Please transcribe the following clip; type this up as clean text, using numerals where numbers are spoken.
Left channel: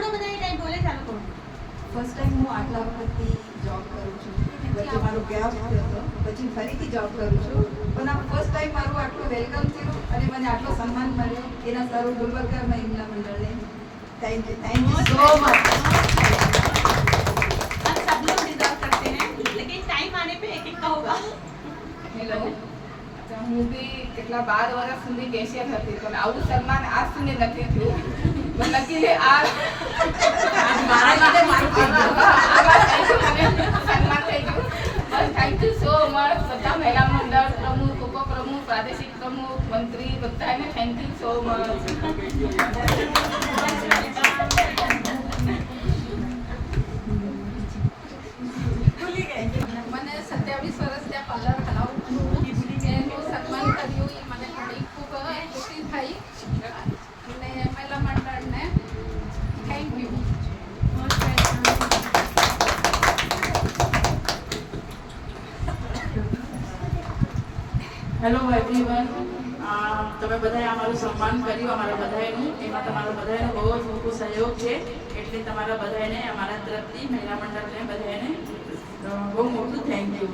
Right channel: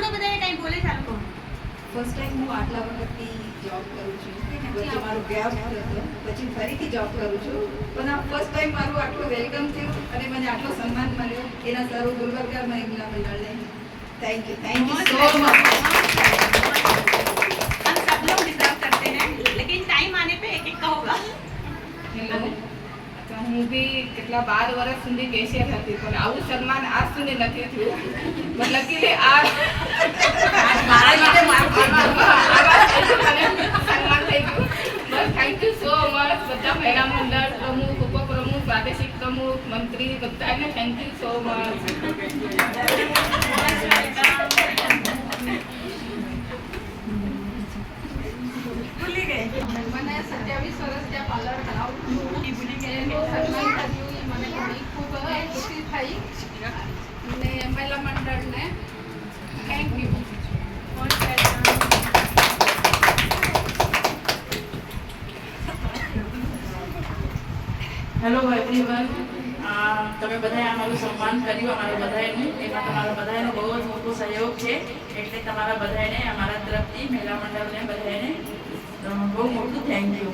સાંભળો બધાને કંઈ બોલે ચાલુ કરો. ફર્સ્ટ ટાઈમ હું આટલા વખતથી જોબ કરું છું. વચ્ચે મારો ગેપ હતો, પછી ફરીથી જોબ કરું છું. પણ આ ફર્સ્ટ ટાઈમ મારું આટલું વેલકમ થયું અને મને આટલો સન્માન મળ્યો એના સર્વ ગુલબર્ગા મહિલા મંડળને થેન્ક યુ સો મચ. हम सब लोग डिजर्व करते हैं, लेकिन टाइम आने पे एक एक का होगा. હેલો, તો હું બી કેટલા 12 વર્ષ સુધી કેશિયર હતી, પણ આવું સન્માન આજ સુધી નથી થયું. પણ લકીલી આ મારા લીધે મારું થઈ ગયું. મને સન્માન થઈ ગયું. બસ થેન્ક યુ સો મચ બધા મહિલા મંડળ પ્રમુખ, ઉપપ્રમુખ, પ્રાદેશિક પ્રમુખ, મંત્રી બધાને થેન્ક યુ સો મચ. ભૂલી ગઈ. મને 27 વર્ષ ત્યાં પાર્લર ચલાવું છું. એનું સન્માન કર્યું એ મને ઘણી ખૂબ ખુશી થઈ અને મહિલા મંડળને થેન્ક યુ. હેલો એવરીવન, તમે બધાએ અમારું સન્માન કર્યું, અમારા બધાનું. એમાં તમારા બધાનો બહુ જ મોટો સહયોગ છે. એટલે તમારા બધાને અમારા તરફથી મહિલા મંડળને બધાને બહુ મોટું થેન્ક યુ.